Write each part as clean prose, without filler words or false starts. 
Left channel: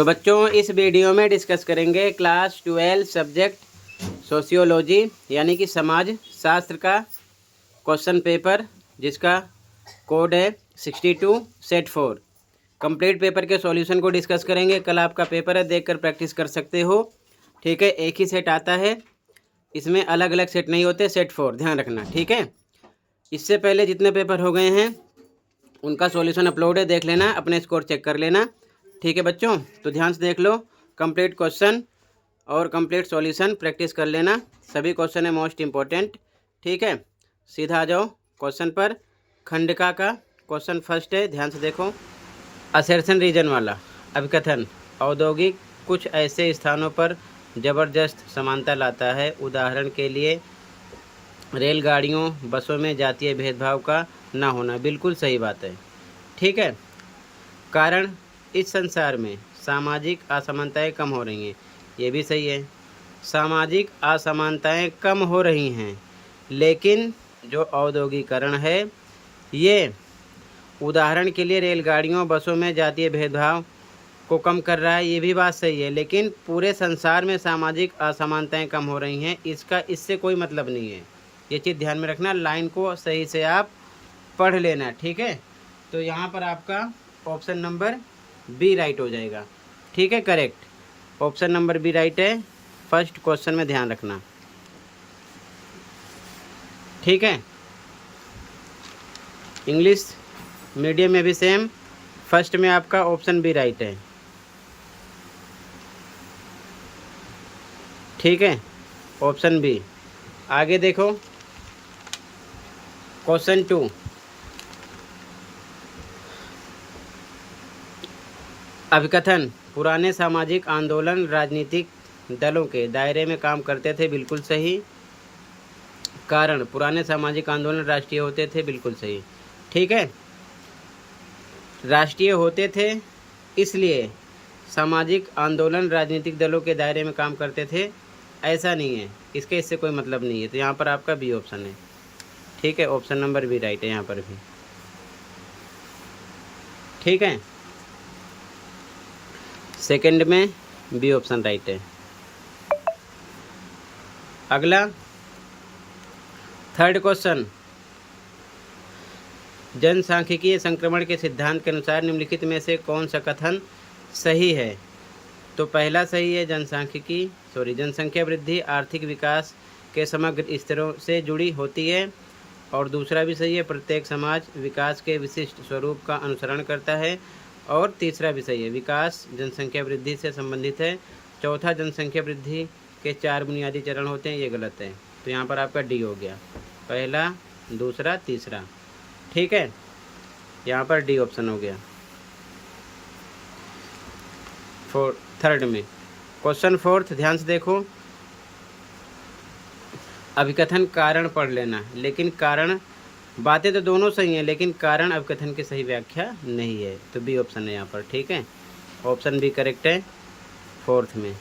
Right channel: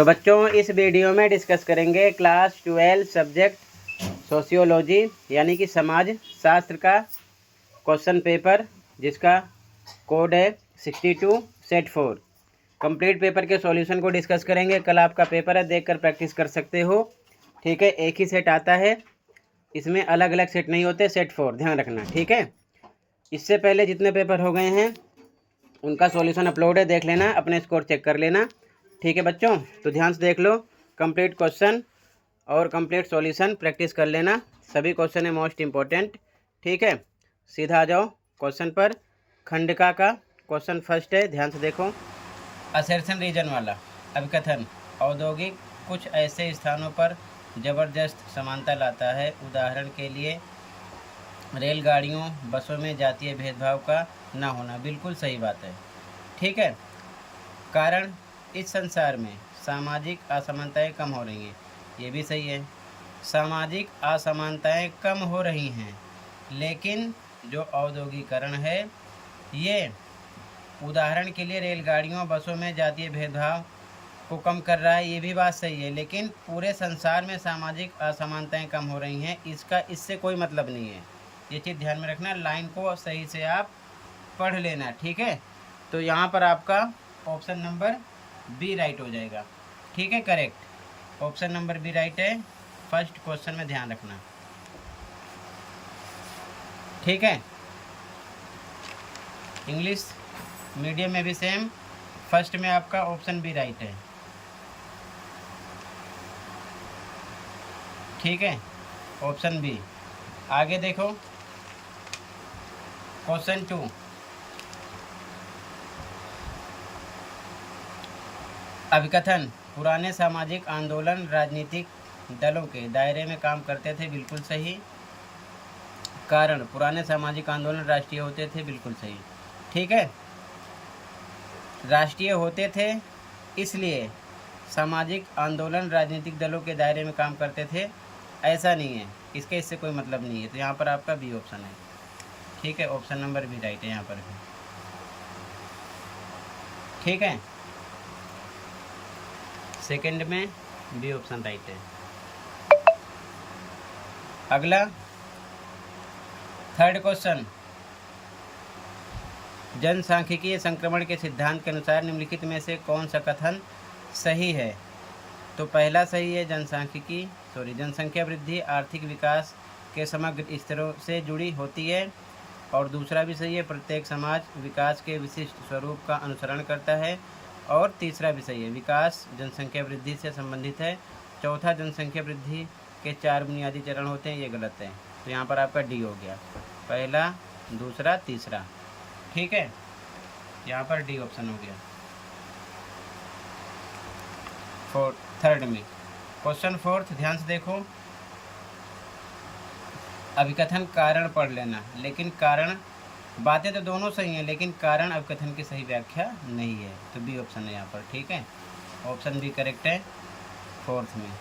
तो बच्चों इस वीडियो में डिस्कस करेंगे क्लास 12 सब्जेक्ट सोशियोलॉजी यानी कि समाज शास्त्र का क्वेश्चन पेपर जिसका कोड है 62 सेट 4। कंप्लीट पेपर के सॉल्यूशन को डिस्कस करेंगे। कल आपका पेपर है, देखकर प्रैक्टिस कर सकते हो। ठीक है, एक ही सेट आता है, इसमें अलग अलग सेट नहीं होते, सेट 4 ध्यान रखना। ठीक है, इससे पहले जितने पेपर हो गए हैं उनका सॉल्यूशन अपलोड है, देख लेना, अपने स्कोर चेक कर लेना। ठीक है बच्चों, तो ध्यान से देख लो, कंप्लीट क्वेश्चन और कंप्लीट सॉल्यूशन प्रैक्टिस कर लेना। सभी क्वेश्चन है मोस्ट इम्पोर्टेंट। ठीक है, सीधा आ जाओ क्वेश्चन पर। खंडिका का क्वेश्चन फर्स्ट है, ध्यान से देखो। असर्शन रीजन वाला अभिकथन औद्योगिक कुछ ऐसे स्थानों पर ज़बरदस्त समानता लाता है। उदाहरण के लिए रेलगाड़ियों बसों में जातीय भेदभाव का ना होना। बिल्कुल सही बात है। ठीक है, कारण इस संसार में सामाजिक असमानताएं कम हो रही हैं, ये भी सही है। सामाजिक असमानताएं कम हो रही हैं, लेकिन जो औद्योगिकरण है ये उदाहरण के लिए रेलगाड़ियों बसों में जातीय भेदभाव को कम कर रहा है, ये भी बात सही है। लेकिन पूरे संसार में सामाजिक असमानताएं कम हो रही हैं, इससे कोई मतलब नहीं है। ये चीज़ ध्यान में रखना, लाइन को सही से आप पढ़ लेना। ठीक है, तो यहाँ पर आपका ऑप्शन नंबर बी राइट हो जाएगा। ठीक है, correct, option number B right है फर्स्ट क्वेश्चन में, ध्यान रखना। ठीक है, इंग्लिश मीडियम में भी सेम, फर्स्ट में आपका ऑप्शन बी राइट है। ठीक है, ऑप्शन बी। आगे देखो क्वेश्चन 2। अभिकथन पुराने सामाजिक आंदोलन राजनीतिक दलों के दायरे में काम करते थे। बिल्कुल सही। कारण पुराने सामाजिक आंदोलन राष्ट्रीय होते थे। बिल्कुल सही। ठीक है, राष्ट्रीय होते थे इसलिए सामाजिक आंदोलन राजनीतिक दलों के दायरे में काम करते थे, ऐसा नहीं है, इससे कोई मतलब नहीं है। तो यहाँ पर आपका बी ऑप्शन है। ठीक है, ऑप्शन नंबर बी राइट है यहाँ पर भी। ठीक है, सेकंड में बी ऑप्शन राइट है। अगला थर्ड क्वेश्चन, जनसांख्यिकीय संक्रमण के सिद्धांत के अनुसार निम्नलिखित में से कौन सा कथन सही है? तो पहला सही है, जनसंख्या वृद्धि आर्थिक विकास के समग्र स्तरों से जुड़ी होती है। और दूसरा भी सही है, प्रत्येक समाज विकास के विशिष्ट स्वरूप का अनुसरण करता है। और तीसरा भी सही है, विकास जनसंख्या वृद्धि से संबंधित है। चौथा, जनसंख्या वृद्धि के 4 बुनियादी चरण होते हैं, ये गलत है। तो यहाँ पर आपका डी हो गया, पहला, दूसरा, तीसरा। ठीक है, यहाँ पर डी ऑप्शन हो गया थर्ड में। क्वेश्चन फोर्थ, ध्यान से देखो। अभिकथन कारण पढ़ लेना, लेकिन कारण, बातें तो दोनों सही हैं, लेकिन कारण अभिकथन की सही व्याख्या नहीं है। तो बी ऑप्शन है यहाँ पर। ठीक है, ऑप्शन बी करेक्ट है फोर्थ में।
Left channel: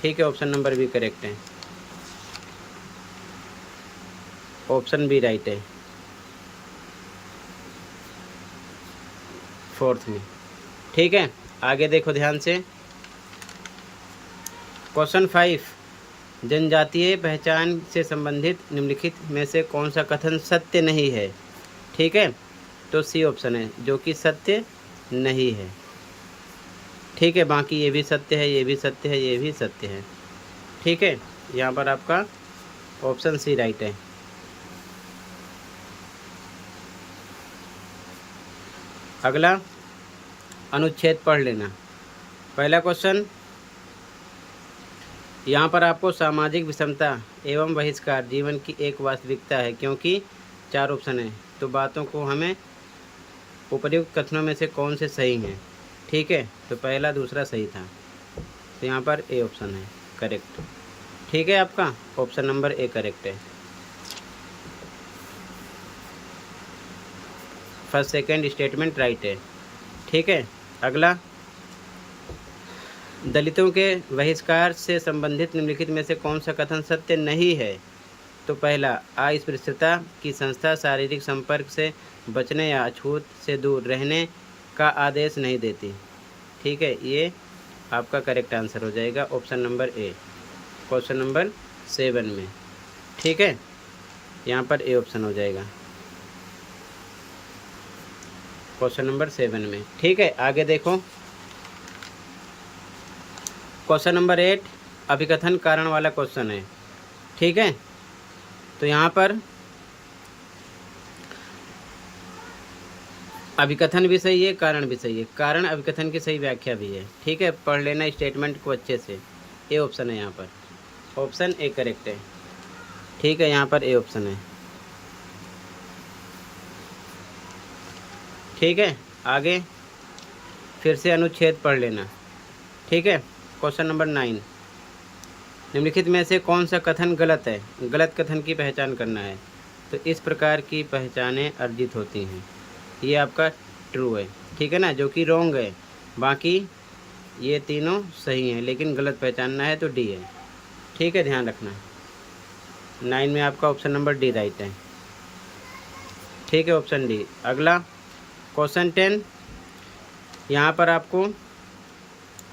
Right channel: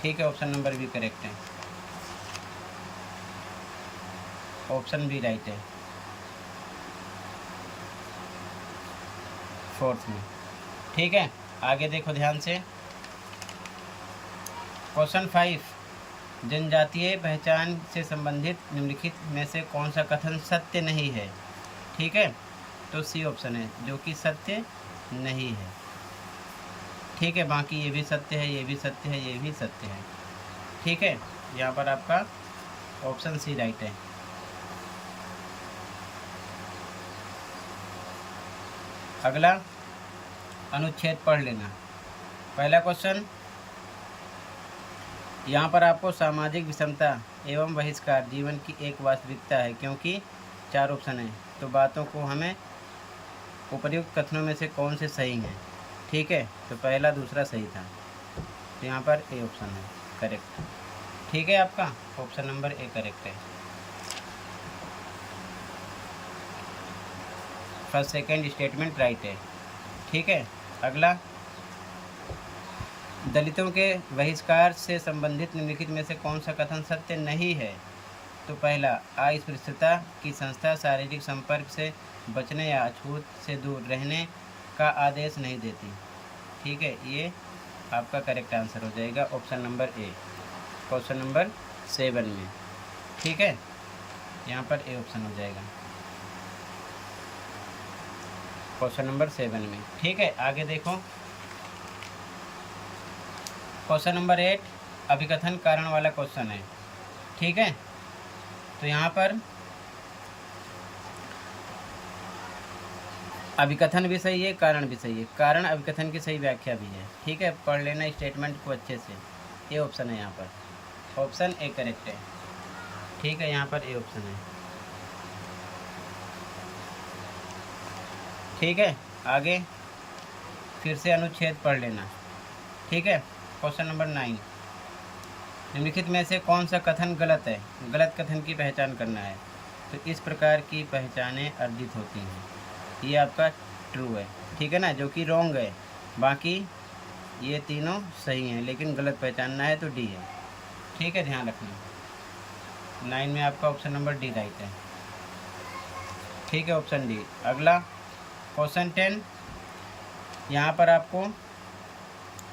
ठीक है, ऑप्शन नंबर बी करेक्ट है, ऑप्शन बी राइट है फोर्थ में। ठीक है, आगे देखो ध्यान से। क्वेश्चन 5, जनजातीय पहचान से संबंधित निम्नलिखित में से कौन सा कथन सत्य नहीं है? ठीक है, तो सी ऑप्शन है, जो कि सत्य नहीं है। ठीक है, बाकी ये भी सत्य है, ये भी सत्य है, ये भी सत्य है। ठीक है, यहाँ पर आपका ऑप्शन सी राइट है। अगला अनुच्छेद पढ़ लेना। पहला क्वेश्चन, यहाँ पर आपको सामाजिक विषमता एवं बहिष्कार जीवन की एक वास्तविकता है, क्योंकि 4 ऑप्शन है, तो बातों को हमें उपर्युक्त कथनों में से कौन से सही हैं? ठीक है, तो पहला दूसरा सही था, तो यहाँ पर ए ऑप्शन है करेक्ट। ठीक है, आपका ऑप्शन नंबर ए करेक्ट है, फर्स्ट सेकंड स्टेटमेंट राइट है। ठीक है, अगला, दलितों के बहिष्कार से संबंधित निम्नलिखित में से कौन सा कथन सत्य नहीं है? तो पहला, अस्पृश्यता की संस्था शारीरिक संपर्क से बचने या अछूत से दूर रहने का आदेश नहीं देती। ठीक है, ये आपका करेक्ट आंसर हो जाएगा option number A, question number 7 में। ठीक है, यहाँ पर ए ऑप्शन हो जाएगा क्वेश्चन नंबर 7 में। ठीक है, आगे देखो क्वेश्चन नंबर 8 अभिकथन कारण वाला क्वेश्चन है। ठीक है, तो यहाँ पर अभिकथन भी सही है, कारण भी सही है। कारण अभिकथन की सही व्याख्या भी है। ठीक है, पढ़ लेना स्टेटमेंट को अच्छे से। ए ऑप्शन है यहाँ पर, ऑप्शन ए करेक्ट है। ठीक है, यहाँ पर ए ऑप्शन है। ठीक है, आगे फिर से अनुच्छेद पढ़ लेना। ठीक है, क्वेश्चन नंबर 9 निम्नलिखित में से कौन सा कथन गलत है? गलत कथन की पहचान करना है। तो इस प्रकार की पहचानें अर्जित होती हैं, ये आपका ट्रू है। ठीक है ना, जो कि रॉन्ग है। बाकी ये तीनों सही हैं, लेकिन गलत पहचानना है तो डी है। ठीक है, ध्यान रखना। 9 में आपका ऑप्शन नंबर डी राइट है। ठीक है, ऑप्शन डी। अगला क्वेश्चन 10, यहाँ पर आपको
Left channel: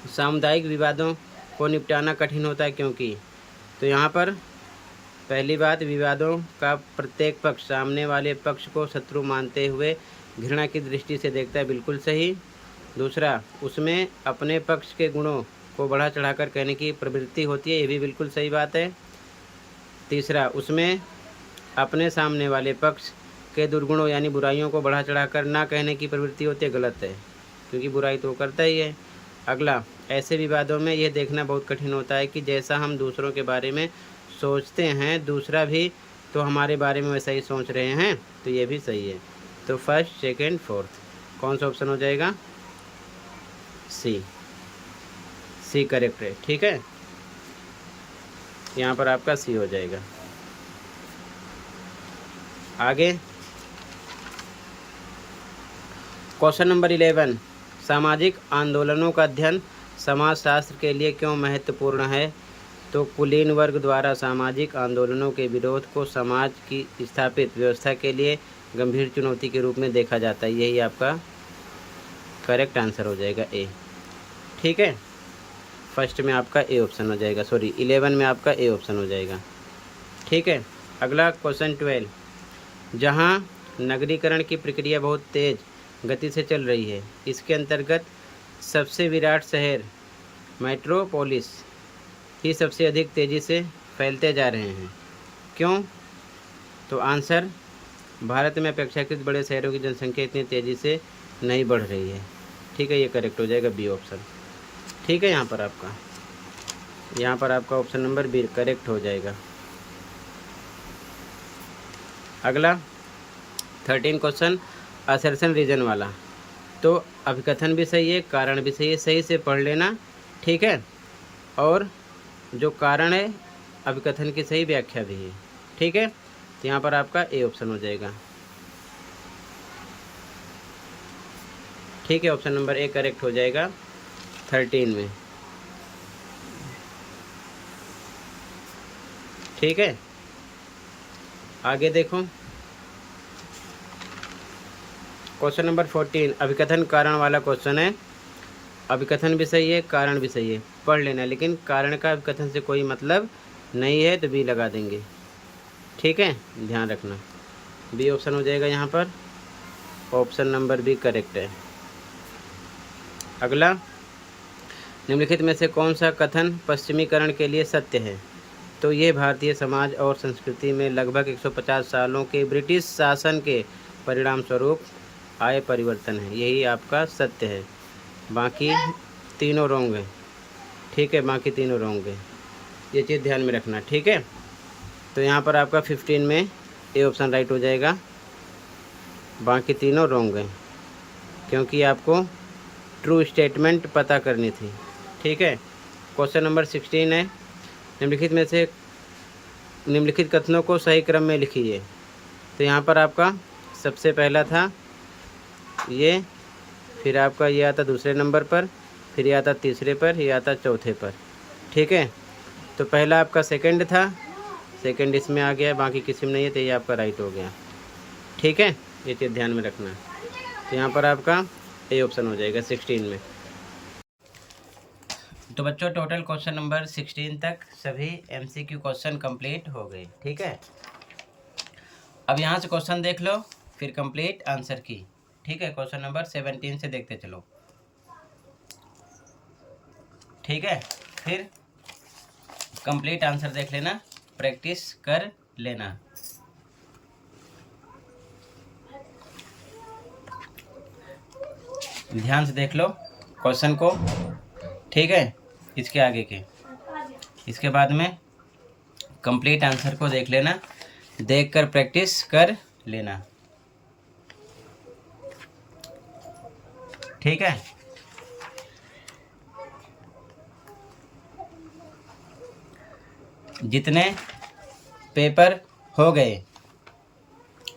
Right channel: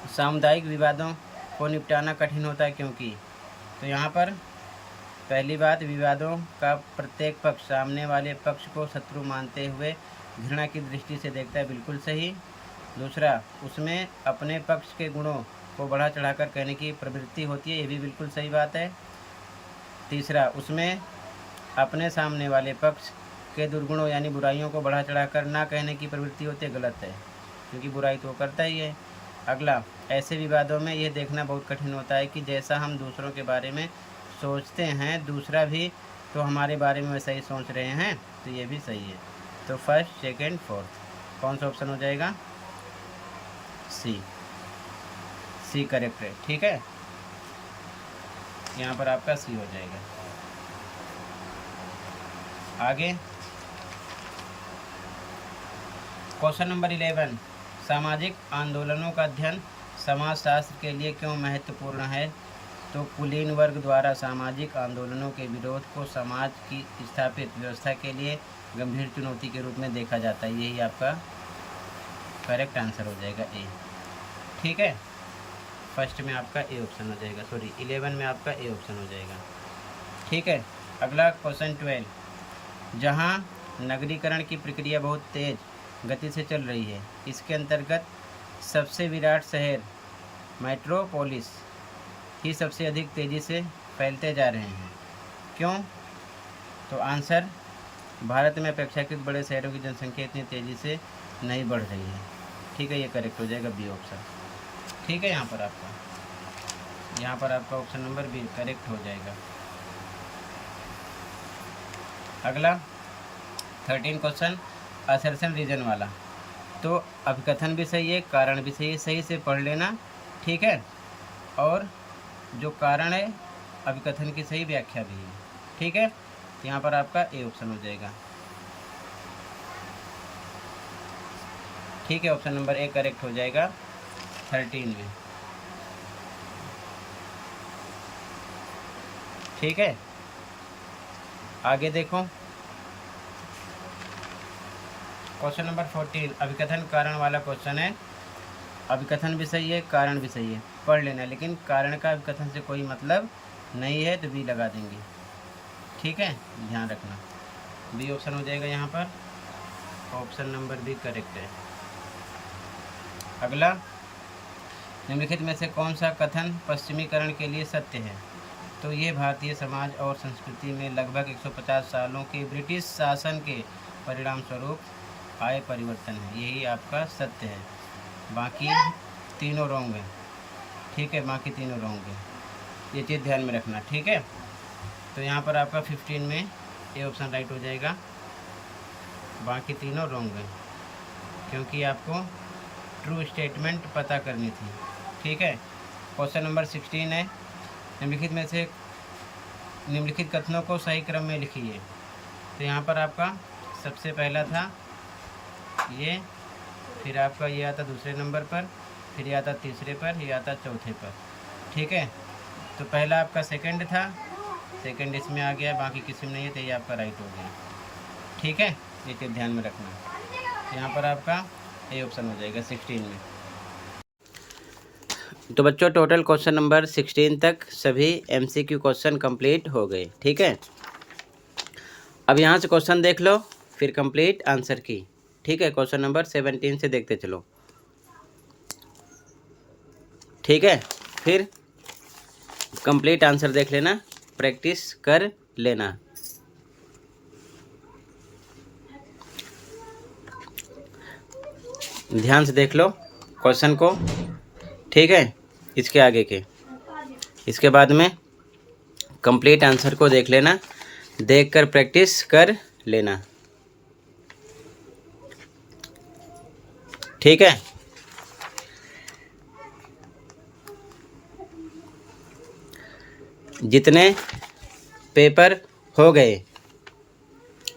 सामुदायिक विवादों को निपटाना कठिन होता है क्योंकि, तो यहाँ पर पहली बात, विवादों का प्रत्येक पक्ष सामने वाले पक्ष को शत्रु मानते हुए घृणा की दृष्टि से देखता है, बिल्कुल सही। दूसरा, उसमें अपने पक्ष के गुणों को बढ़ा चढ़ाकर कहने की प्रवृत्ति होती है, ये भी बिल्कुल सही बात है। तीसरा, उसमें अपने सामने वाले पक्ष के दुर्गुणों यानी बुराइयों को बढ़ा चढ़ाकर ना कहने की प्रवृत्ति होती है, गलत है, क्योंकि बुराई तो करता ही है। अगला, ऐसे विवादों में यह देखना बहुत कठिन होता है कि जैसा हम दूसरों के बारे में सोचते हैं, दूसरा भी तो हमारे बारे में वैसा ही सोच रहे हैं, तो ये भी सही है। तो फर्स्ट, सेकंड, फोर्थ कौन सा ऑप्शन हो जाएगा? सी, सी करेक्ट है। ठीक है, यहाँ पर आपका सी हो जाएगा। आगे क्वेश्चन नंबर 11 सामाजिक आंदोलनों का अध्ययन समाजशास्त्र के लिए क्यों महत्वपूर्ण है? तो कुलीन वर्ग द्वारा सामाजिक आंदोलनों के विरोध को समाज की स्थापित व्यवस्था के लिए गंभीर चुनौती के रूप में देखा जाता है, यही आपका करेक्ट आंसर हो जाएगा ए। ठीक है, फर्स्ट में आपका ए ऑप्शन हो जाएगा, सॉरी 11 में आपका ए ऑप्शन हो जाएगा। ठीक है, अगला क्वेश्चन 12 जहाँ नगरीकरण की प्रक्रिया बहुत तेज गति से चल रही है, इसके अंतर्गत सबसे विराट शहर मेट्रोपोलिस ही सबसे अधिक तेज़ी से फैलते जा रहे हैं, क्यों? तो आंसर, भारत में अपेक्षाकृत बड़े शहरों की जनसंख्या इतनी तेज़ी से नहीं बढ़ रही है। ठीक है, ये करेक्ट हो जाएगा बी ऑप्शन। ठीक है, यहाँ पर आपका ऑप्शन नंबर बी करेक्ट हो जाएगा। अगला 13 क्वेश्चन असर्शन रीजन वाला, तो अभिकथन भी सही है, कारण भी सही है, सही से पढ़ लेना। ठीक है, और जो कारण है अभिकथन की सही व्याख्या भी है। ठीक है, तो यहाँ पर आपका ए ऑप्शन हो जाएगा। ठीक है, ऑप्शन नंबर ए करेक्ट हो जाएगा 13 में। ठीक है, आगे देखो क्वेश्चन नंबर 14 अभिकथन कारण वाला क्वेश्चन है। अभिकथन भी सही है, कारण भी सही है, पढ़ लेना, लेकिन कारण का अभिकथन से कोई मतलब नहीं है, तो बी लगा देंगे। ठीक है, ध्यान रखना, बी ऑप्शन हो जाएगा यहाँ पर, ऑप्शन नंबर बी करेक्ट है। अगला, निम्नलिखित में से कौन सा कथन पश्चिमीकरण के लिए सत्य है? तो ये भारतीय समाज और संस्कृति में लगभग 150 सालों के ब्रिटिश शासन के परिणाम स्वरूप आए परिवर्तन है, यही आपका सत्य है। बाकी तीनों रॉन्ग है। ठीक है, बाकी तीनों रॉन्ग है, ये चीज़ ध्यान में रखना। ठीक है, तो यहाँ पर आपका 15 में ए ऑप्शन राइट हो जाएगा, बाकी तीनों रॉन्ग है, क्योंकि आपको ट्रू स्टेटमेंट पता करनी थी। ठीक है, क्वेश्चन नंबर 16 है निम्नलिखित कथनों को सही क्रम में लिखिए। तो यहाँ पर आपका सबसे पहला था ये, फिर आपका ये आता दूसरे नंबर पर, फिर ये आता तीसरे पर, ये आता चौथे पर। ठीक है, तो पहला आपका सेकंड था, सेकंड इसमें आ गया, बाकी किसी में नहीं है, तो ये आपका राइट हो गया। ठीक है, ये चीज़ ध्यान में रखना। तो यहाँ पर आपका ए ऑप्शन हो जाएगा 16 में। तो बच्चों टोटल क्वेश्चन नंबर 16 तक सभी MCQ क्वेश्चन कंप्लीट हो गए। ठीक है, अब यहाँ से क्वेश्चन देख लो, फिर कंप्लीट आंसर की। ठीक है, क्वेश्चन नंबर 17 से देखते चलो। ठीक है, फिर कंप्लीट आंसर देख लेना, प्रैक्टिस कर लेना। ध्यान से देख लो क्वेश्चन को। ठीक है, इसके आगे के, इसके बाद में कंप्लीट आंसर को देख लेना, देखकर प्रैक्टिस कर लेना। ठीक है, जितने पेपर हो गए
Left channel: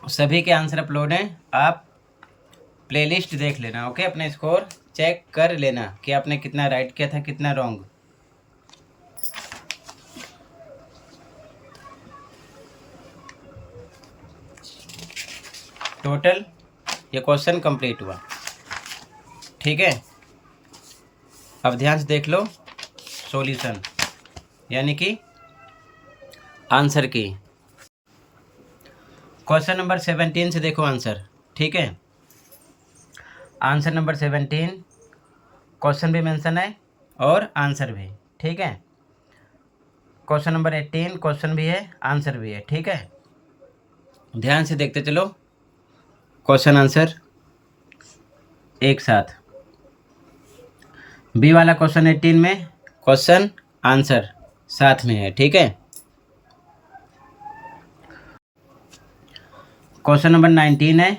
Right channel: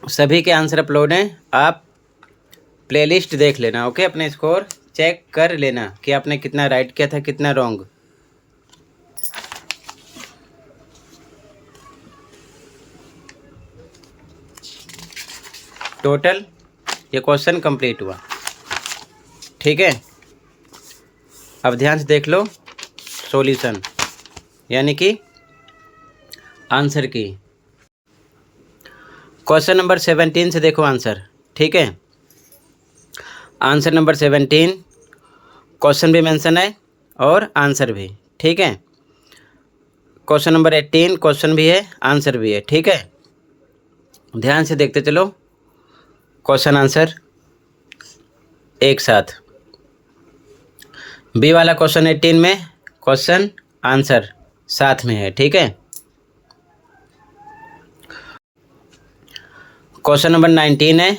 सभी के आंसर अपलोड हैं, आप प्लेलिस्ट देख लेना। ओके, अपने स्कोर चेक कर लेना कि आपने कितना राइट किया था, कितना रॉन्ग। टोटल ये क्वेश्चन कंप्लीट हुआ। ठीक है, अब ध्यान से देख लो सॉल्यूशन यानी कि आंसर की। क्वेश्चन नंबर 17 से देखो आंसर। ठीक है, आंसर नंबर 17 क्वेश्चन भी मेंशन है और आंसर भी। ठीक है, क्वेश्चन नंबर 18 क्वेश्चन भी है, आंसर भी है। ठीक है, ध्यान से देखते चलो क्वेश्चन आंसर एक साथ। बी वाला क्वेश्चन 18 में क्वेश्चन आंसर साथ में है। ठीक है, क्वेश्चन नंबर 19 है,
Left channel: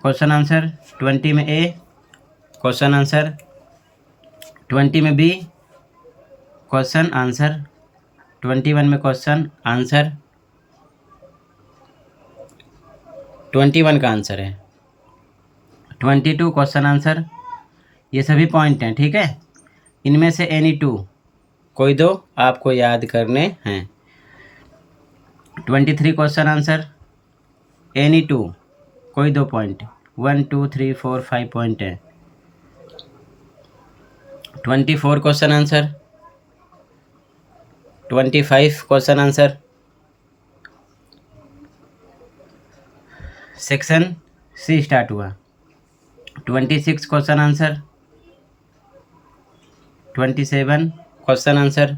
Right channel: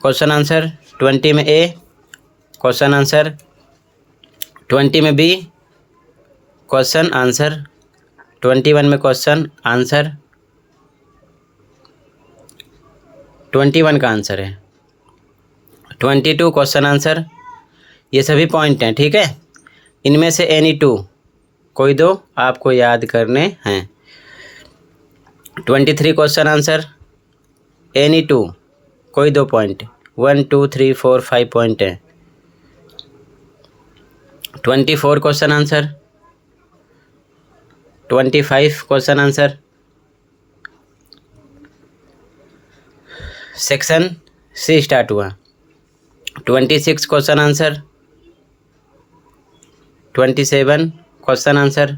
क्वेश्चन आंसर 20 में ए, क्वेश्चन आंसर 20 में बी, क्वेश्चन आंसर 21 में क्वेश्चन आंसर 21 का आंसर है। 22 क्वेश्चन आंसर, ये सभी पॉइंट हैं। ठीक है, इनमें से एनी 2 कोई दो आपको याद करने हैं। 23 क्वेश्चन आंसर, एनी 2 कोई 2 पॉइंट, 1 2 3 4 5 पॉइंट है। 24 question answer, 25 question answer, section C start हुआ। 26 क्वेश्चन आंसर, 27 क्वेश्चन आंसर,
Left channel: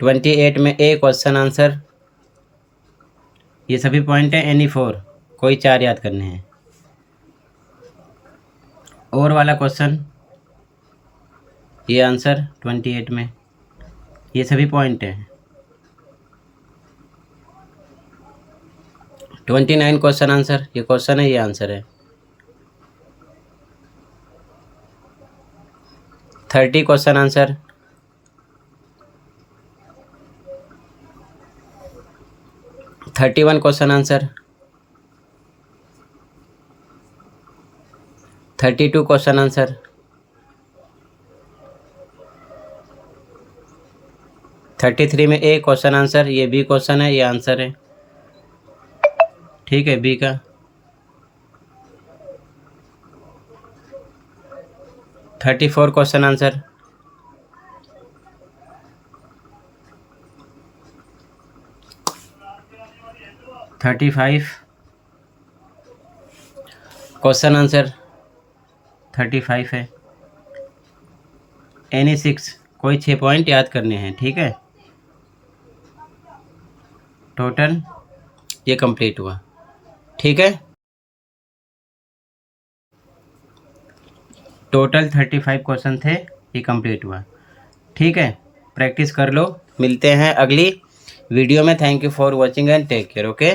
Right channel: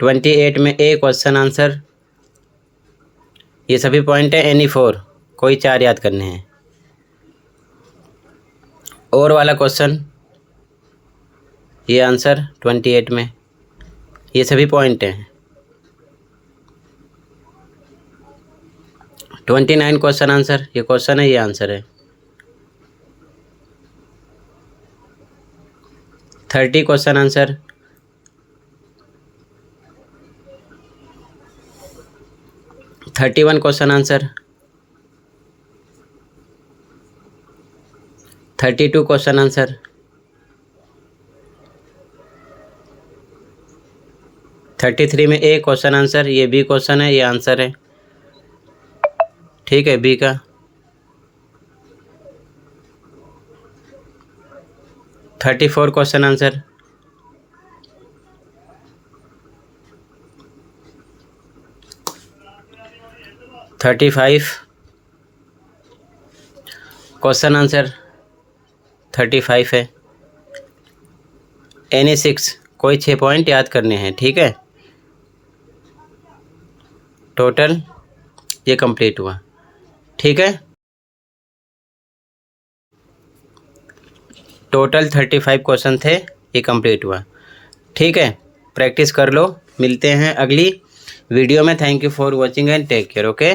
28 में ए क्वेश्चन आंसर। ये सभी पॉइंट है एनी 4 कोई 4 याद करने हैं। और वाला क्वेश्चन ये आंसर 28 में, ये सभी पॉइंट हैं। 29 क्वेश्चन आंसर, ये क्वेश्चन है, ये आंसर है। 30 question answer, 31 question answer, 32 question answer, 33 में ए क्वेश्चन आंसर, ये बी क्वेश्चन है, ये आंसर है। ठीक है, बी का। 34 क्वेश्चन आंसर, 35 क्वेश्चन आंसर, 35 है। एनी 6 कोई 6 पॉइंट याद करने हैं। ठीक है, टोटल ये कंप्लीट हुआ। ठीक है, टोटल 35 क्वेश्चन थे, ये कंप्लीट हुआ। ठीक है, प्रैक्टिस कर लो, मिलते हैं अगली वीडियो में। Thank you for watching and take care. Okay.